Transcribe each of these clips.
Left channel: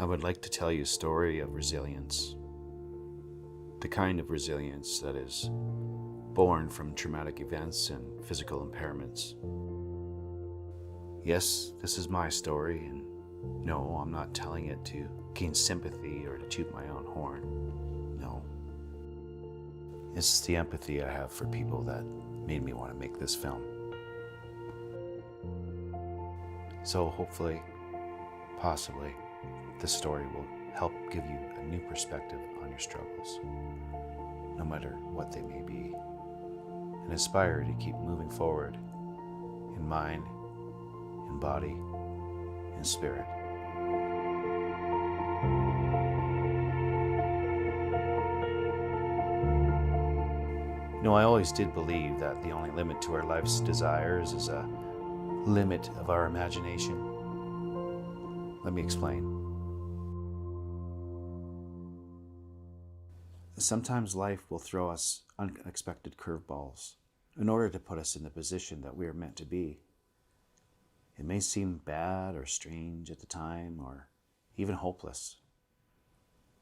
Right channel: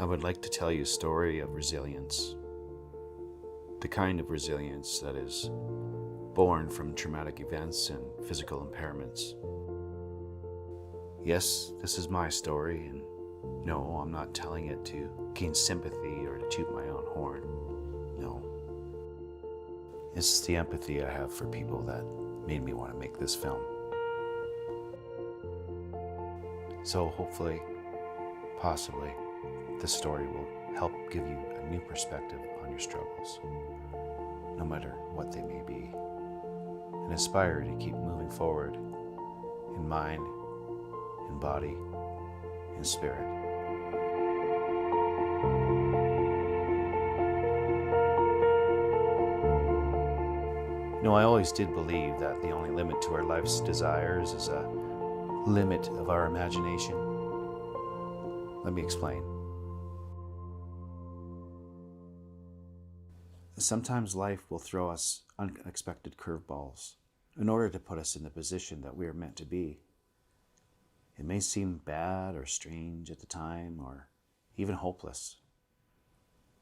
I would like to tell you a story of resilience. The kind of resilience that is born from traumatic events and physical impairments. Yes, this is my story, and no, I'm not telling it to gain sympathy or to toot my own horn. No. It's the empathy I have for people that made me want to make this film. So hopefully, possibly, this story will help give you a new perspective on your struggles, no matter what they may be, and inspire you to keep moving forward in mind, in body, in spirit. You know, I always did believe that the only limit to our life's desires is a limit of our imagination. Let me explain. Sometimes life will throw us unexpected curveballs in order to put us in the position that we are meant to be. It may seem bad or strange at the time or even hopeless.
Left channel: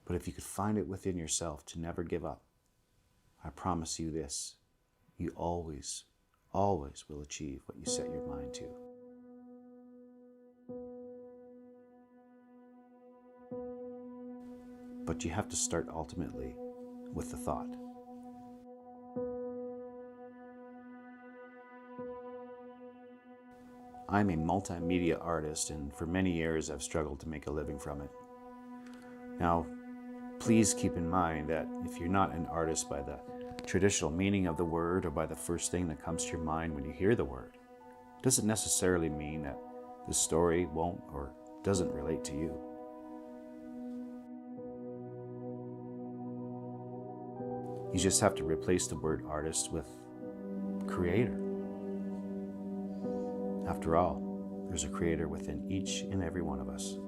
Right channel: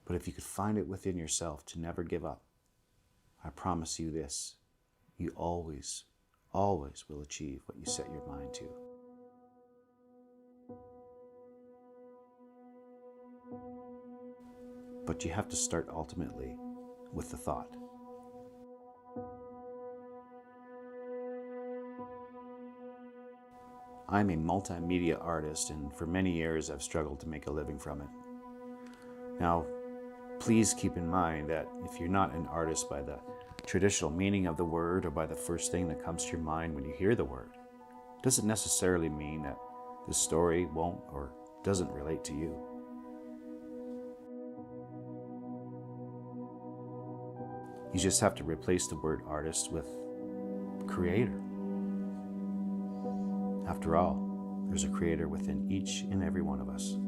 But if you could find it within yourself to never give up, I promise you this, you always will achieve what you set your mind to. But you have to start ultimately with the thought. I'm a multimedia artist, and for many years I've struggled to make a living from it. Now, please keep in mind that if you're not an artist by the traditional meaning of the word or by the first thing that comes to your mind when you hear the word, it doesn't necessarily mean that the story won't or doesn't relate to you. You just have to replace the word artist with creator. After all, there's a creator within each and every one of us.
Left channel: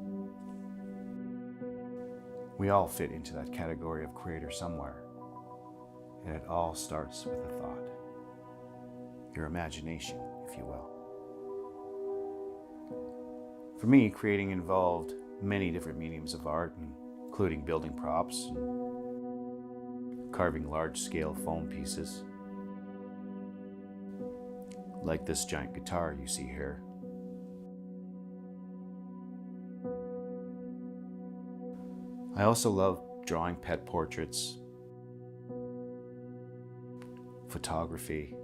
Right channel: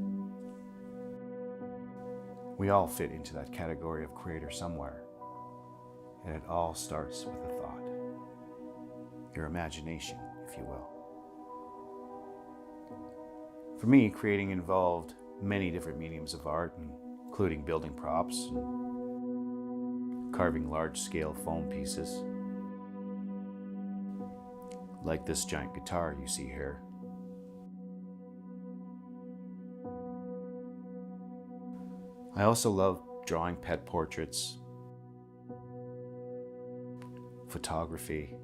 We all fit into that category of creator somewhere, and it all starts with a thought. Your imagination, if you will. For me, creating involved many different mediums of art, including building props and carving large-scale foam pieces, like this giant guitar you see here. I also love drawing pet portraits, photography,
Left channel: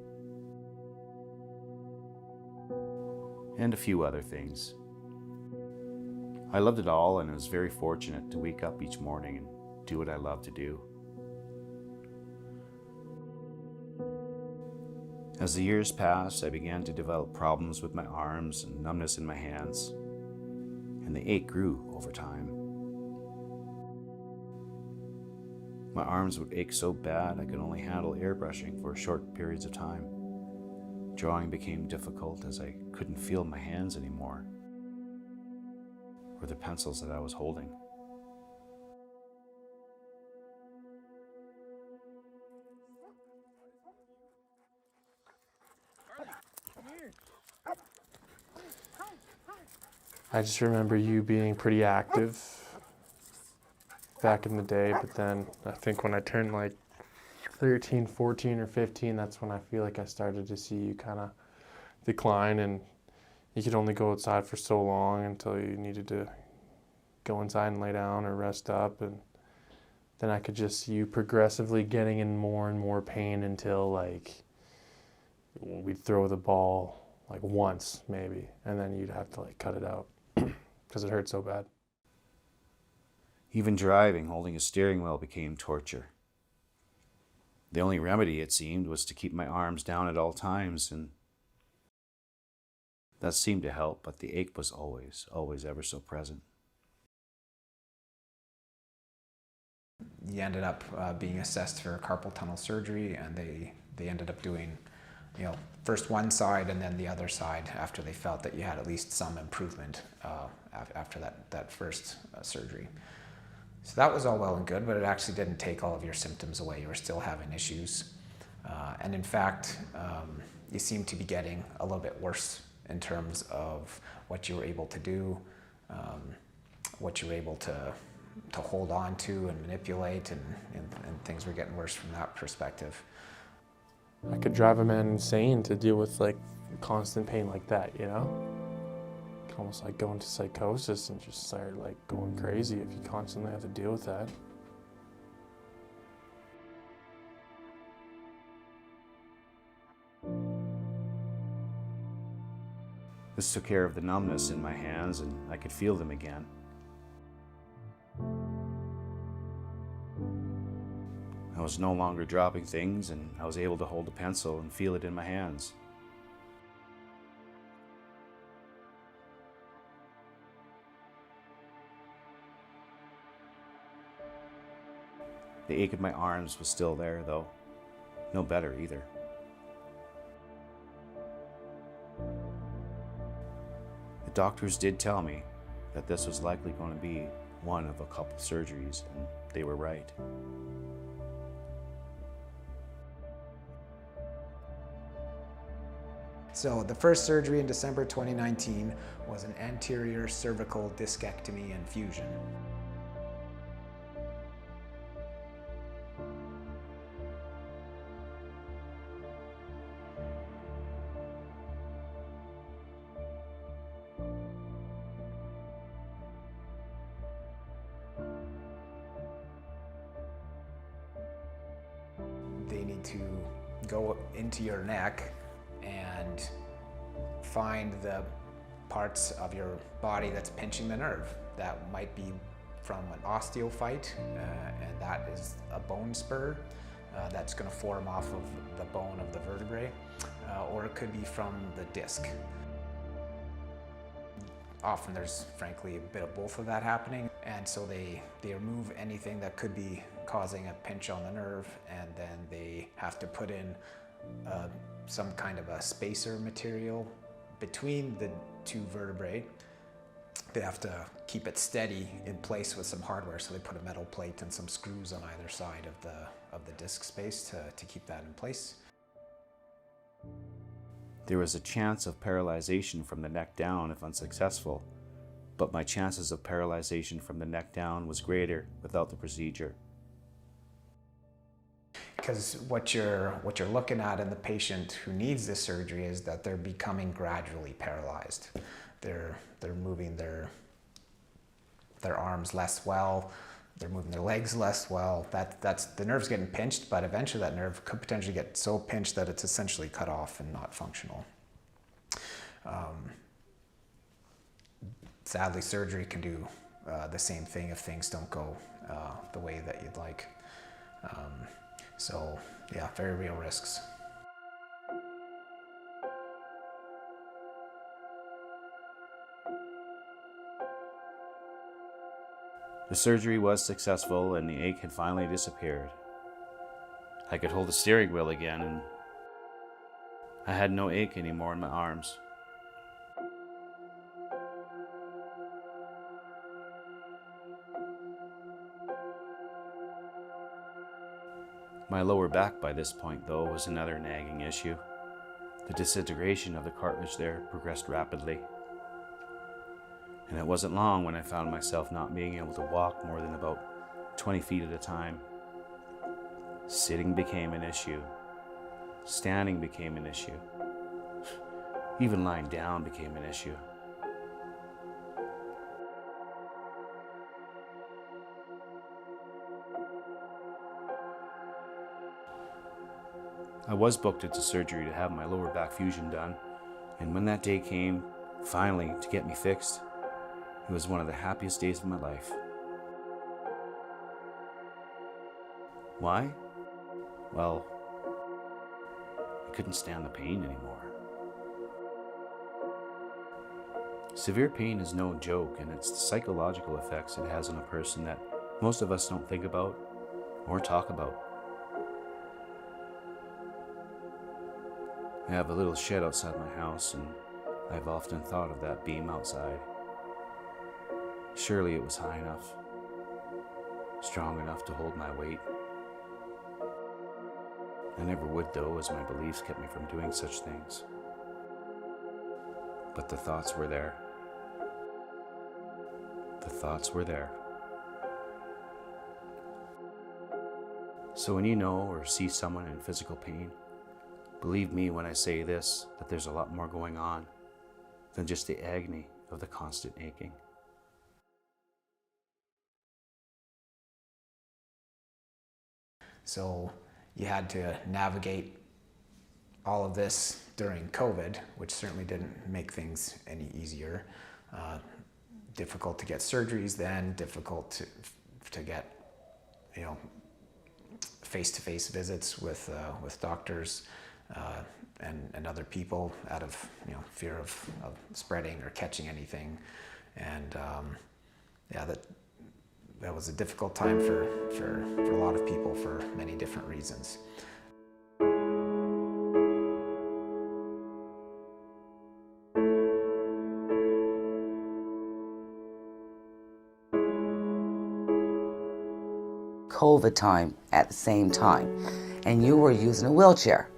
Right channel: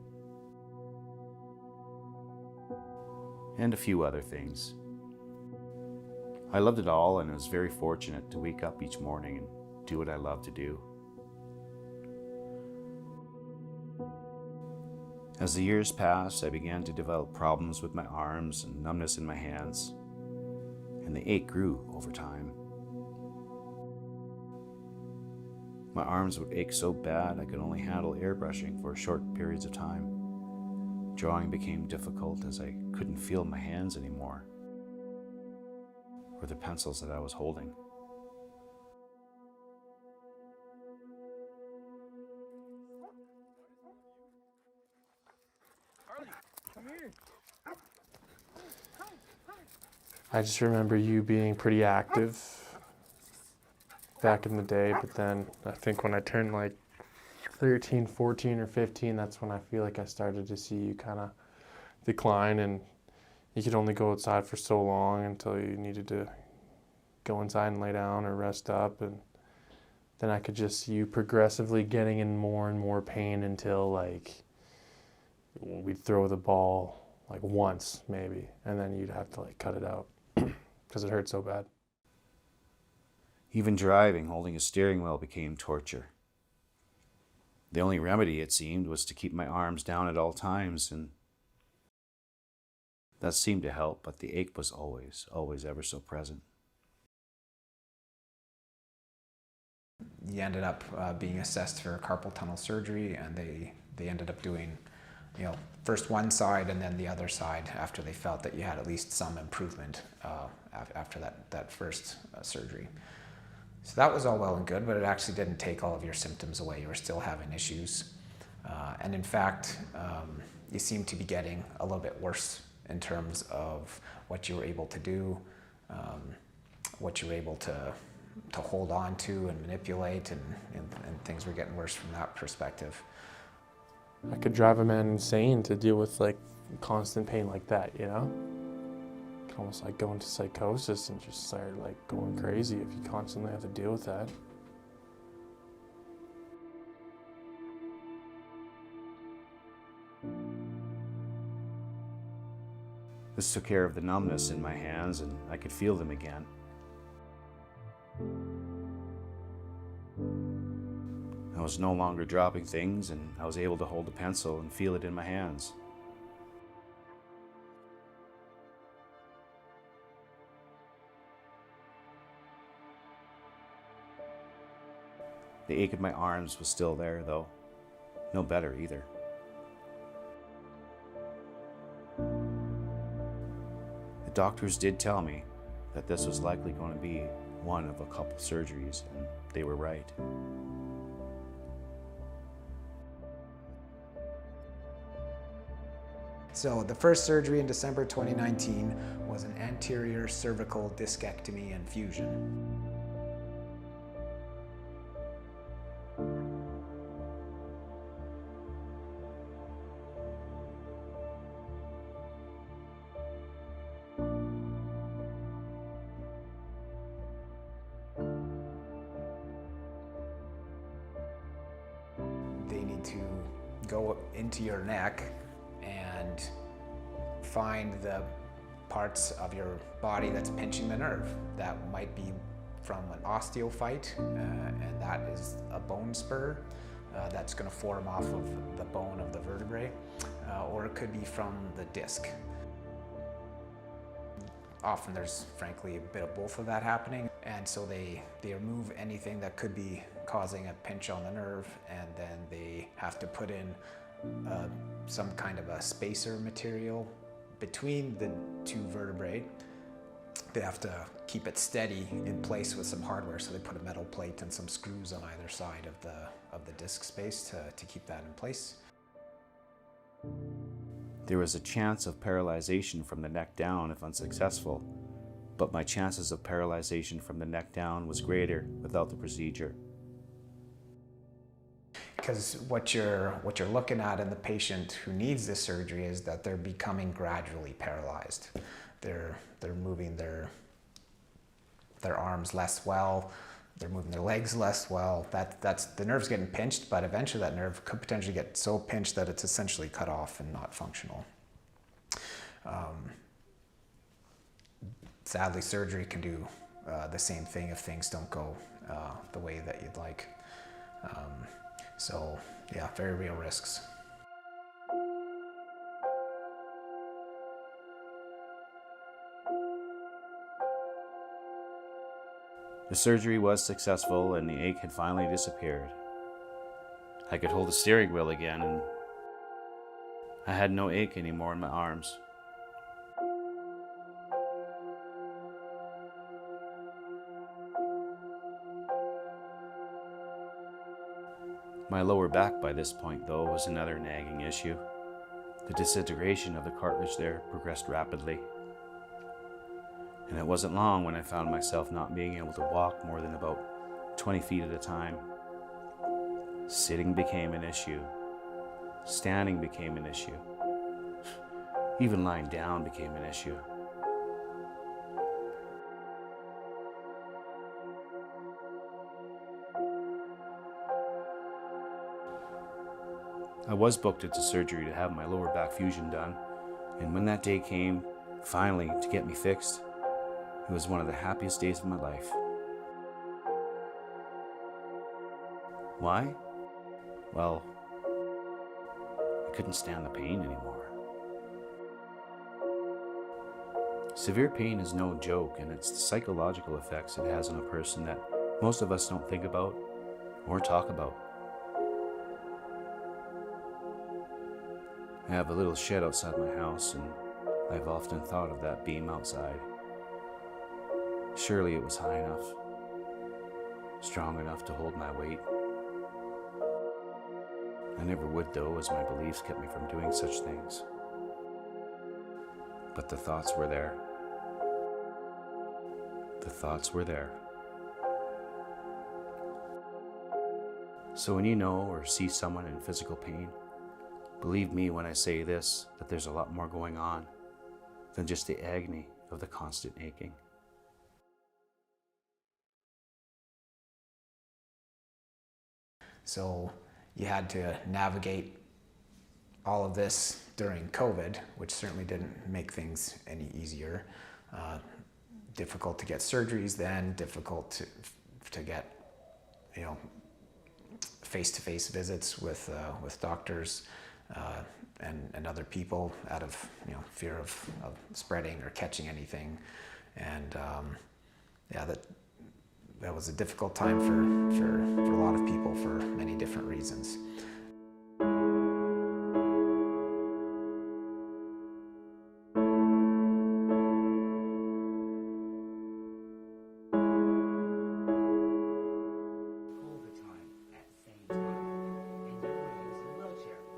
and a few other things. I loved it all and was very fortunate to wake up each morning and do what I love to do. As the years passed, I began to develop problems with my arms and numbness in my hands, and the ache grew over time. My arms would ache so bad I could only handle airbrushing for short periods of time. Drawing became difficult as I couldn't feel my hands anymore, or the pencils that I was holding. I just remember you being pretty active back in the day, but then I think when I turned like 13, 14, or 15, that's when I feel like I started to see you kind of decline, and you could only go outside for so long until you needed to go inside and lay down or rest up, and then I could just see you progressively getting in more and more pain until like we'd throw the ball like once maybe, and then you'd have to like cut it out because it hurt so bad. Even driving, holding a steering wheel, became torture. The only remedy, it seemed, was to keep my arms down at all times, and that seemed to help, but the ache was always ever so present. You ended up being assessed for carpal tunnel surgery, and they ended up doing, first one side and then the other side after they felt that you had at least some improvement after that first surgery. So that was all well and good, but it actually didn't take all of your symptoms away. You were still having issues. And in fact, you seemed to be getting a little bit worse in terms of what you were able to do, what you were able to hold on to and manipulate, and things were getting worse from that perspective. I could drive a man insane to deal with like constant pain like that, Almost like go into psychosis and just start like going crazy if you constantly have to deal with that. This took care of the numbness in my hands, and I could feel them again. I was no longer dropping things, and I was able to hold a pencil and feel it in my hands. The ache in my arms was still there, though. No better either. The doctors did tell me that this was likely going to be one of a couple surgeries, and they were right. So the first surgery in December 2019 was an anterior cervical discectomy and fusion. They need to go into your neck and find the parts of your body that's pinching the nerve. That might be from an osteophyte, and that is a bone spur that's going to form off of the bone of the vertebrae, or it could be from the disc. Often there's frankly a bit of both of that happening, and so they remove anything that could be causing a pinch on the nerve, and then they have to put in some kind of a spacer material between the two vertebrae. They have to keep it steady in place with some hardware, so they put a metal plate and some screws on either side of the disc space to keep that in place. There was a chance of paralyzation from the neck down if unsuccessful, but my chances of paralyzation from the neck down was greater without the procedure. Because what you're looking at in the patient who needs this surgery is that they're becoming gradually paralyzed. They're moving their arms less well. They're moving their legs less well. That's the nerve's getting pinched, but eventually that nerve could potentially get so pinched that it's essentially cut off and not functional. Sadly, surgery can do the same thing if things don't go the way that you'd like. So yeah, very real risks. The surgery was successful and the ache had finally disappeared. I could hold the steering wheel again and I had no ache anymore in my arms. My lower back by this point, though, was another nagging issue. The disintegration of the cartilage there progressed rapidly. And it wasn't long when I found myself not being able to walk more than about 20 feet at a time. Sitting became an issue. Standing became an issue. Even lying down became an issue. I was booked into surgery to have my lower back fusion done, and when that day came, finally, to get me fixed, it was one of the happiest days of my life. Why? Well, I couldn't stand the pain anymore. Severe pain is no joke, and it's the psychological effects it has on a person that most of us don't think about or talk about. I have a little shed outside my house, and I've often thought of that beam outside. Surely it was high enough, strong enough to hold my weight. I never would, though, as my beliefs kept me from doing such things. But the thoughts were there. The thoughts were there. So when you know or see someone in physical pain, believe me when I say this, that there's a lot more going on than just the agony of the constant aching. So you had to navigate all of this during COVID, which certainly didn't make things any easier. Difficult to get surgeries then, difficult to get, face-to-face visits with doctors and other people out of fear of spreading or catching anything, and that was a difficult time for a lot of people for many different reasons. COVID time at the same time, and you were using a wheelchair,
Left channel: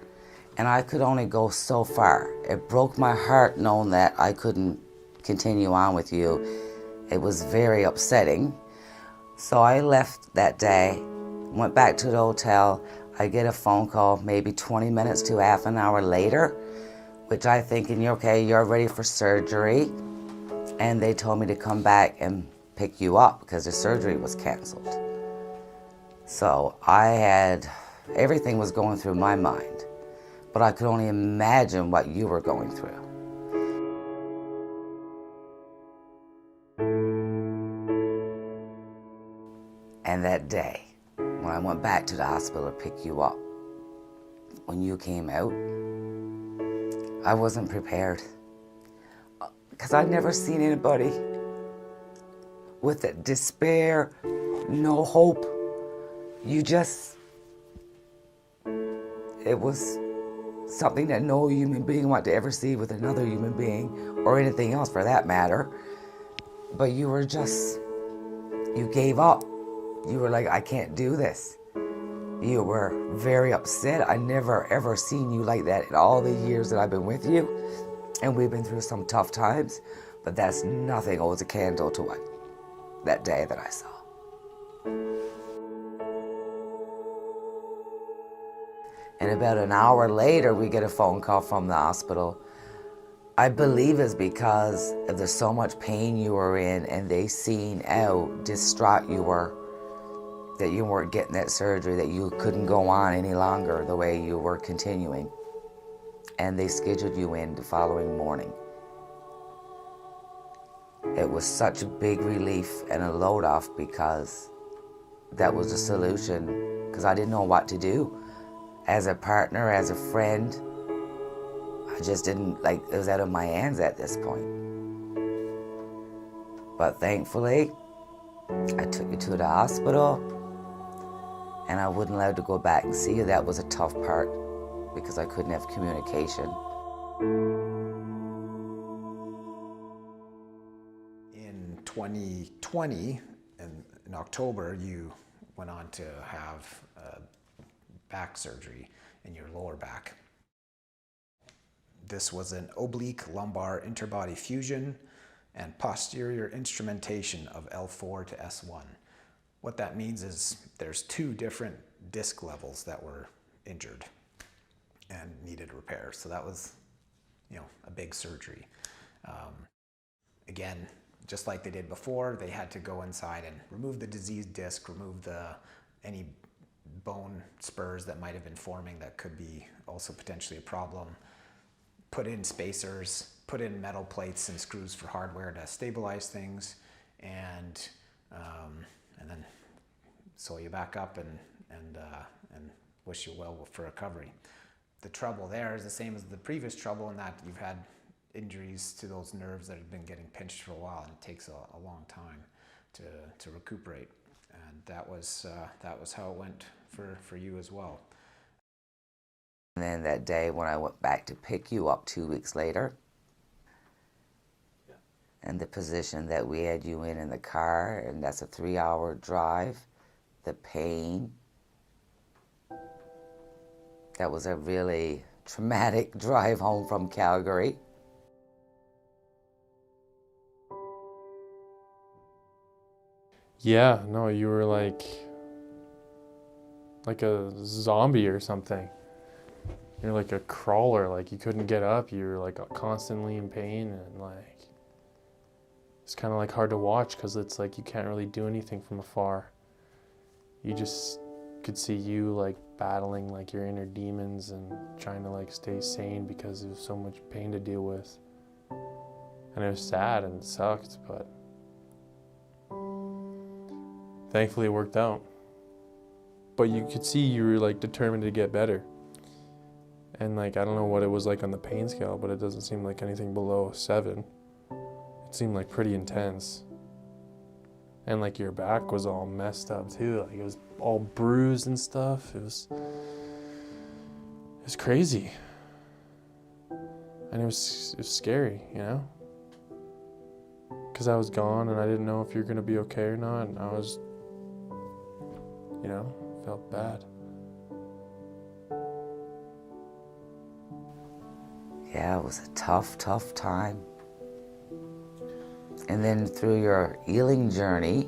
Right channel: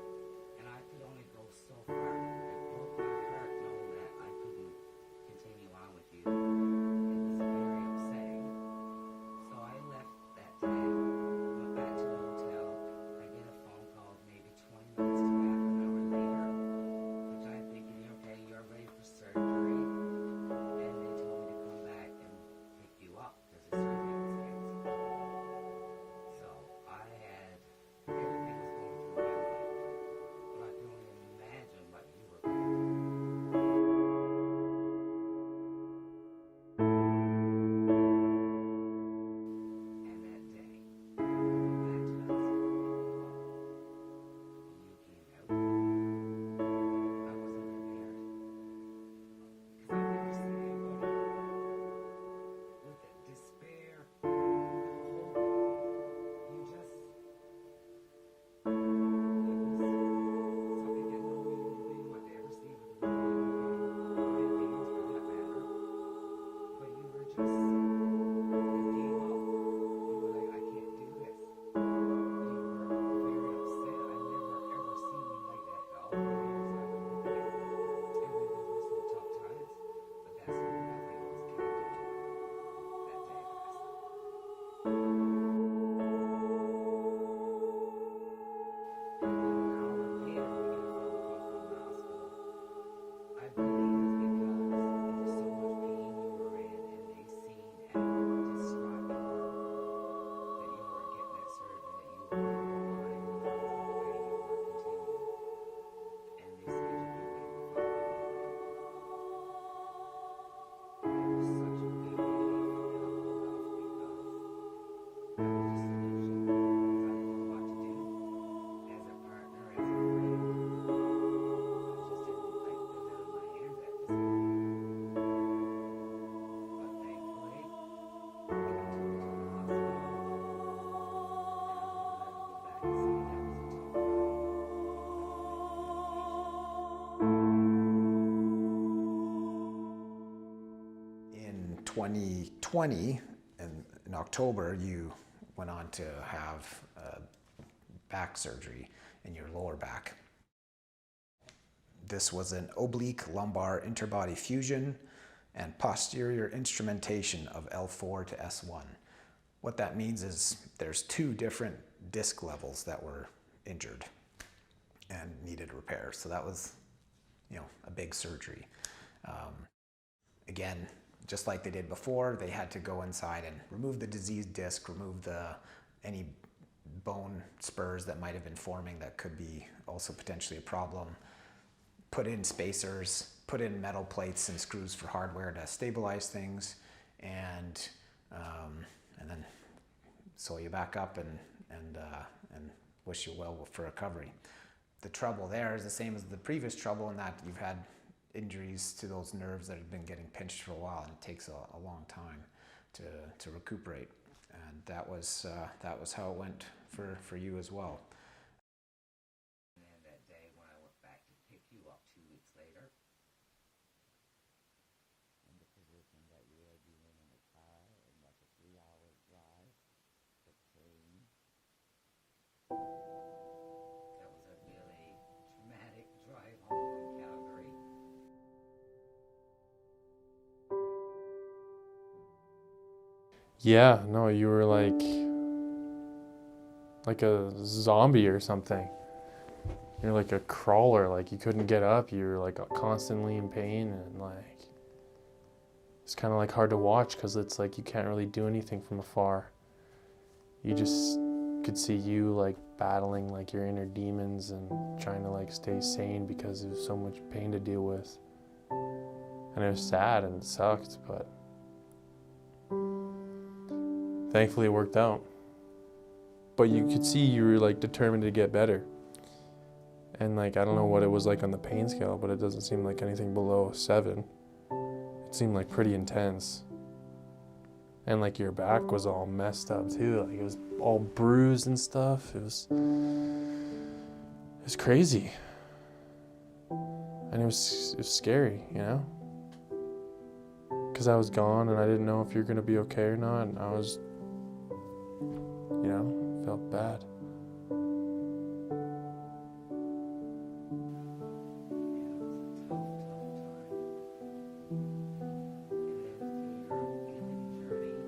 and I could only go so far. It broke my heart knowing that I couldn't continue on with you. It was very upsetting. So I left that day, went back to the hotel. I get a phone call maybe 20 minutes to half an hour later, which I thinking, okay, you're ready for surgery. And they told me to come back and pick you up because the surgery was canceled. So everything was going through my mind, but I could only imagine what you were going through. And that day, when I went back to the hospital to pick you up, when you came out, I wasn't prepared. Because I'd never seen anybody with that despair, no hope. It was something that no human being wanted to ever see with another human being, or anything else for that matter. But you gave up. You were like, I can't do this. You were very upset. I never ever seen you like that in all the years that I've been with you. And we've been through some tough times, but that's nothing holds a candle to what that day that I saw. And about an hour later, we get a phone call from the hospital. I believe it's because there's so much pain you were in, and they seen how distraught you were, that you weren't getting that surgery, that you couldn't go on any longer the way you were continuing. And they scheduled you in the following morning. It was such a big relief and a load off because that was the solution, because I didn't know what to do. As a partner, as a friend, I just didn't, it was out of my hands at this point. But thankfully, I took you to the hospital, and I wasn't allowed to go back and see you. That was a tough part because I couldn't have communication. In 2020, in October, you went on to have back surgery in your lower back. This was an oblique lumbar interbody fusion and posterior instrumentation of L4 to S1. What that means is there's 2 different disc levels that were injured and needed repair. So that was, a big surgery. Again, just like they did before, they had to go inside and remove the diseased disc, remove any bone spurs that might have been forming that could be also potentially a problem, put in spacers, put in metal plates and screws for hardware to stabilize things, and then sew you back up and wish you well for recovery. The trouble there is the same as the previous trouble in that you've had injuries to those nerves that have been getting pinched for a while, and it takes a long time to recuperate. And that was how it went for you as well. And then that day when I went back to pick you up 2 weeks later, and the position that we had you in the car, and that's a 3-hour drive, the pain, that was a really traumatic drive home from Calgary. Yeah, no, you were like a zombie or something. You're like a crawler, like you couldn't get up, you were like constantly in pain, and like it's kind of like hard to watch because it's like you can't really do anything from afar. You just could see you like battling like your inner demons and trying to like stay sane because there's so much pain to deal with. And it was sad and it sucked, but thankfully it worked out. But you could see you were like determined to get better. And like, I don't know what it was like on the pain scale, but it doesn't seem like anything below 7. It seemed like pretty intense. And like your back was all messed up too. Like it was all bruised and stuff. It was crazy. And it was scary, Because I was gone and I didn't know if you were gonna be okay or not. And I was, felt bad. Yeah, it was a tough, tough time. And then through your healing journey,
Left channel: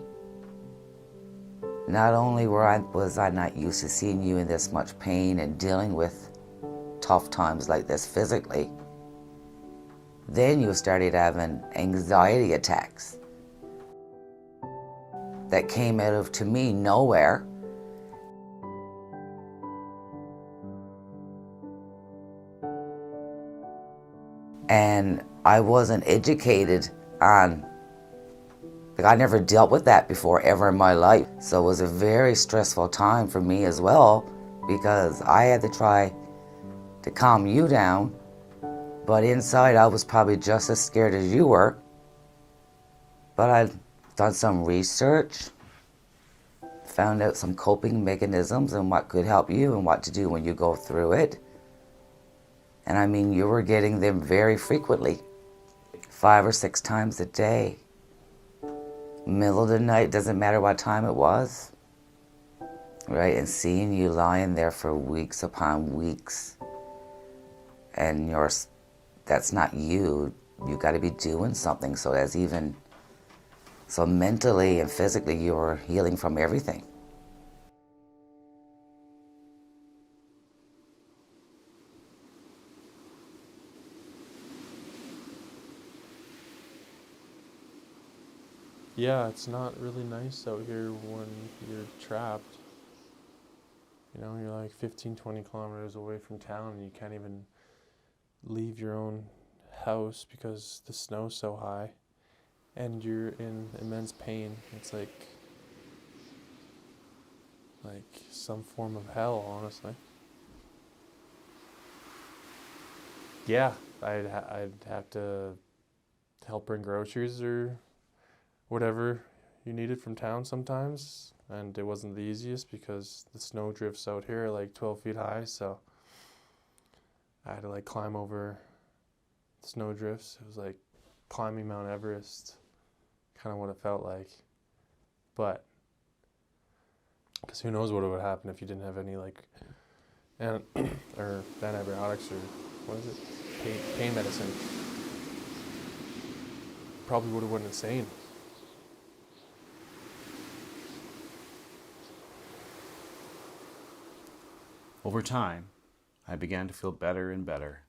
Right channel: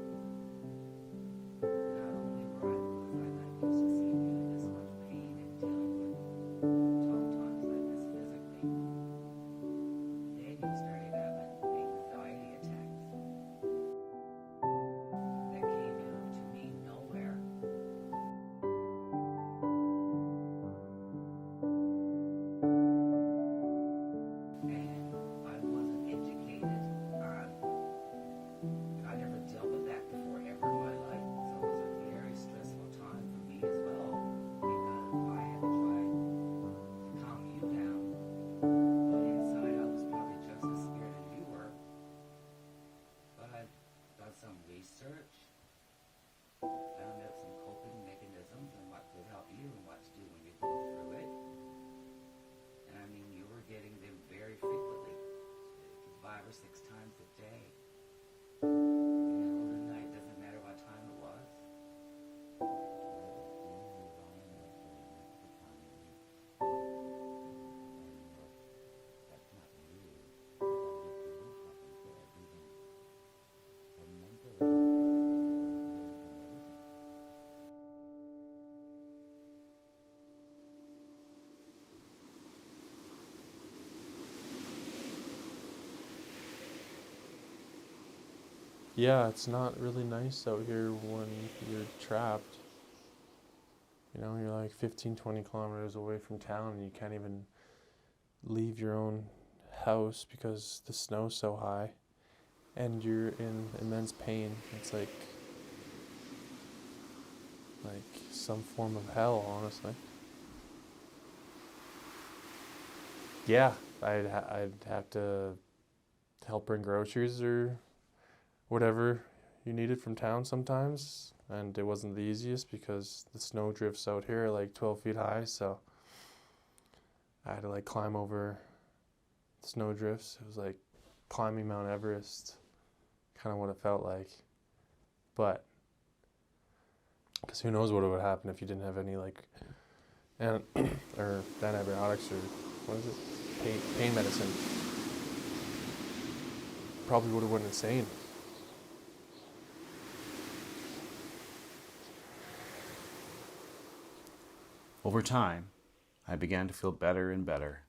not only was I not used to seeing you in this much pain and dealing with tough times like this physically, then you started having anxiety attacks that came out of, to me, nowhere. And I wasn't educated on, I never dealt with that before ever in my life. So it was a very stressful time for me as well, because I had to try to calm you down, but inside I was probably just as scared as you were. But I'd done some research, found out some coping mechanisms and what could help you and what to do when you go through it. And I mean, you were getting them very frequently, 5 or 6 times a day. Middle of the night, doesn't matter what time it was, right? And seeing you lying there for weeks upon weeks, and that's not you. You got to be doing something. So mentally and physically, you were healing from everything. Yeah, it's not really nice out here when you're trapped. You're like 15, 20 kilometers away from town and you can't even leave your own house because the snow's so high and you're in immense pain. It's like some form of hell, honestly. Yeah, I'd have to help bring groceries or whatever you needed from town sometimes, and it wasn't the easiest because the snow drifts out here are like 12 feet high, so I had to like climb over snow drifts. It was like climbing Mount Everest, kind of what it felt like. But because who knows what would happen if you didn't have any like or antibiotics or what is it, pain medicine. Probably would have went insane. Over time, I began to feel better and better.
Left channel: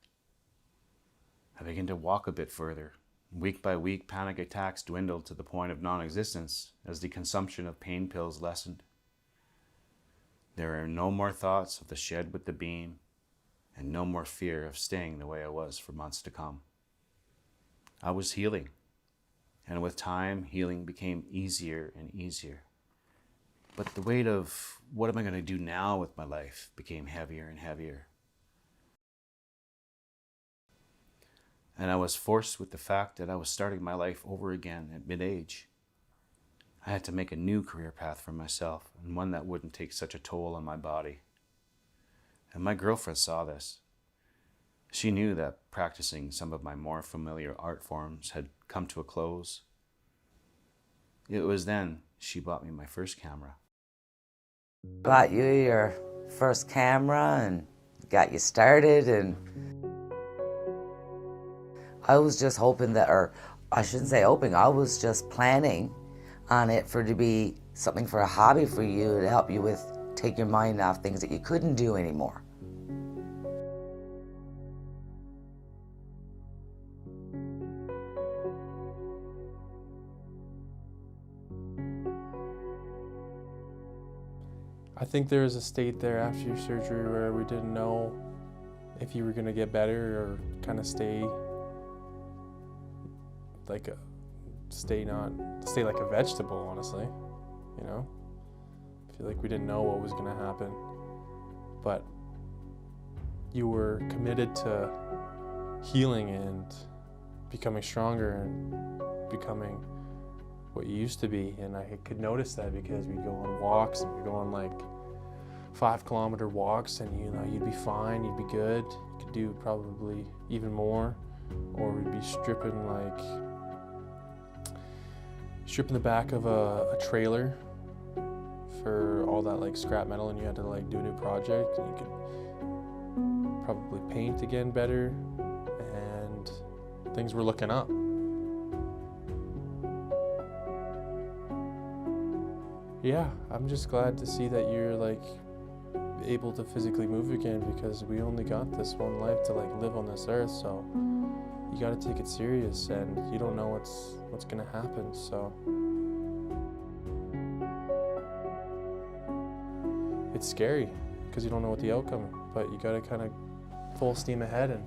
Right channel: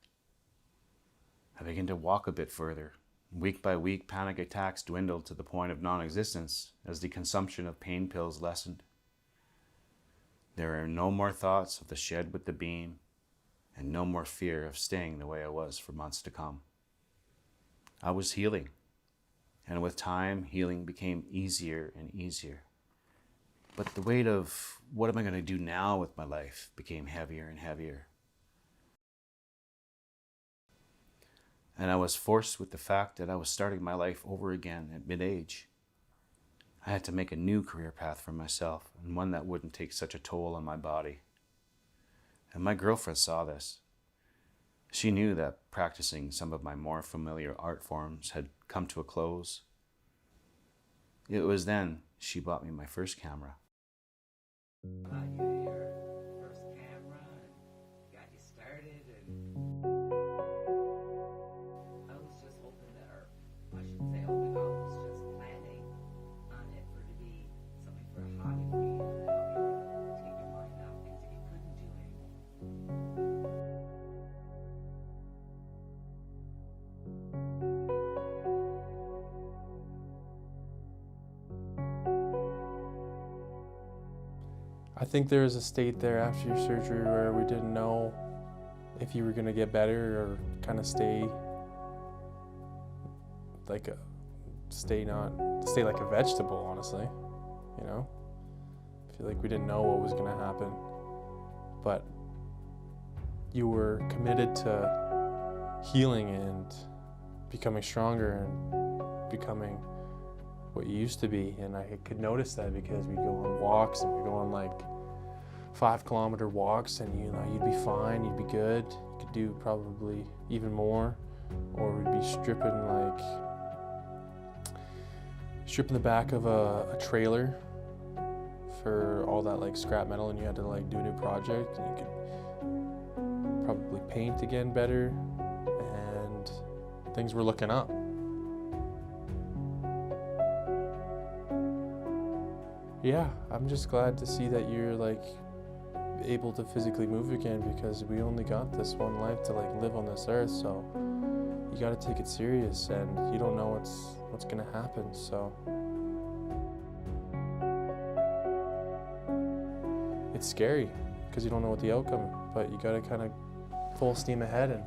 I began to walk a bit further. Week by week, panic attacks dwindled to the point of non-existence as the consumption of pain pills lessened. There are no more thoughts of the shed with the beam, and no more fear of staying the way I was for months to come. I was healing, and with time, healing became easier and easier. But the weight of what am I going to do now with my life became heavier and heavier. And I was forced with the fact that I was starting my life over again at mid-age. I had to make a new career path for myself, and one that wouldn't take such a toll on my body. And my girlfriend saw this. She knew that practicing some of my more familiar art forms had come to a close. It was then she bought me my first camera. Bought you your first camera and got you started, and I was just hoping that, or I shouldn't say hoping, I was just planning on it for it to be something for a hobby for you to help you with, take your mind off things that you couldn't do anymore. I think there was a state there after your surgery where we didn't know if you were going to get better or kind of stay like like a vegetable, honestly, you know? I feel like we didn't know what was going to happen, but you were committed to healing and becoming stronger and becoming what you used to be. And I could notice that because we'd go on walks, and we'd go on like 5-kilometer walks, and you'd be fine, you'd be good, you could do probably even more. Or we'd be stripping the back of a trailer for all that like scrap metal, and you had to like do a new project, and you could probably paint again better, and things were looking up. Yeah, I'm just glad to see that you're like able to physically move again, because we only got this one life to like live on this earth, so you got to take it serious, and you don't know what's gonna happen, so it's scary because you don't know what the outcome, but you got to kind of full steam ahead, and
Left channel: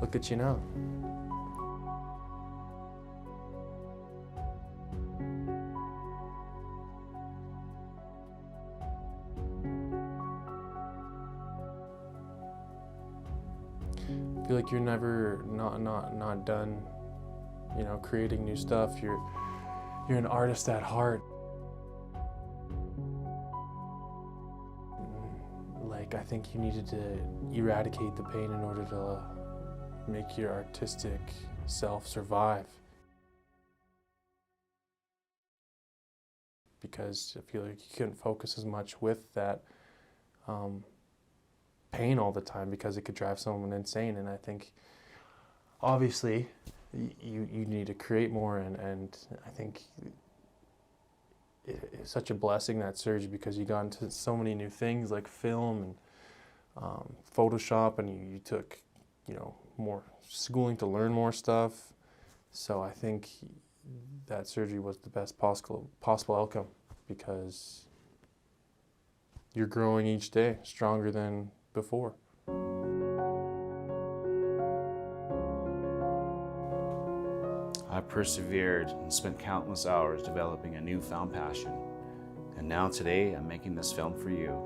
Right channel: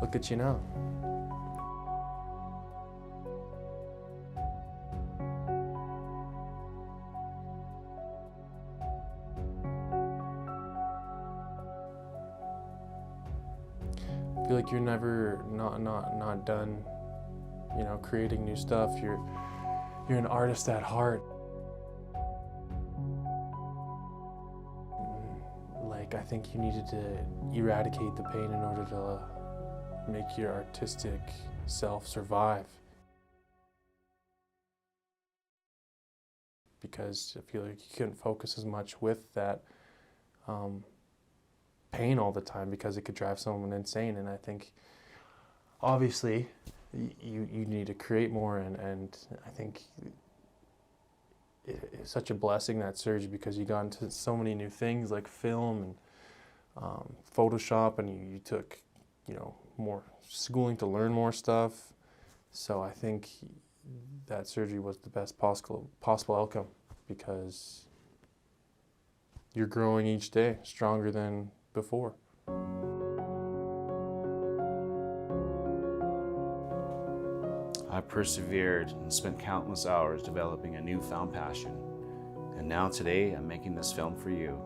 look at you now. I feel like you're never not done, creating new stuff. You're an artist at heart. Like, I think you needed to eradicate the pain in order to make your artistic self survive. Because I feel like you couldn't focus as much with that pain all the time, because it could drive someone insane. And I think obviously you need to create more, and I think it's such a blessing, that surgery, because you got into so many new things like film and Photoshop, and you took more schooling to learn more stuff. So I think that surgery was the best possible outcome, because you're growing each day stronger than before. I persevered and spent countless hours developing a newfound passion. And now today, I'm making this film for you.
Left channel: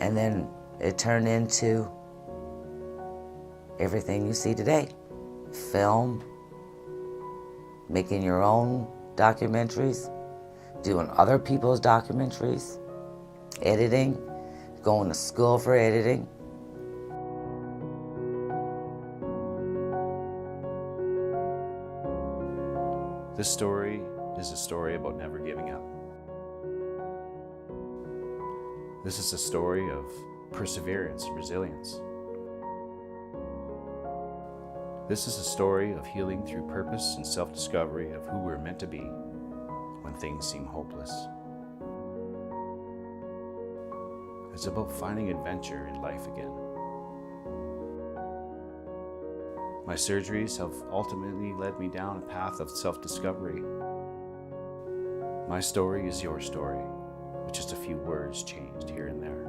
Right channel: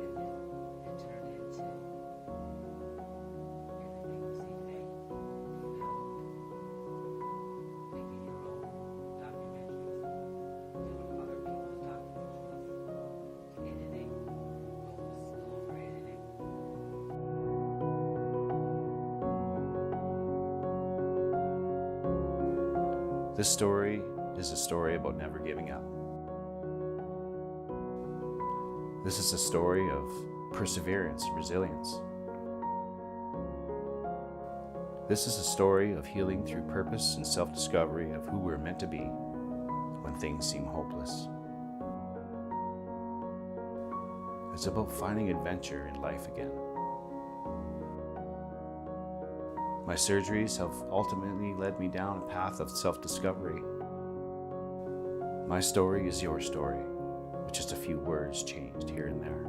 And then it turned into everything you see today. Film, making your own documentaries, doing other people's documentaries, editing, going to school for editing. This story is a story about never giving up. This is a story of perseverance and resilience. This is a story of healing through purpose and self-discovery of who we're meant to be when things seem hopeless. It's about finding adventure in life again. My surgeries have ultimately led me down a path of self-discovery. My story is your story, with just a few words changed here and there.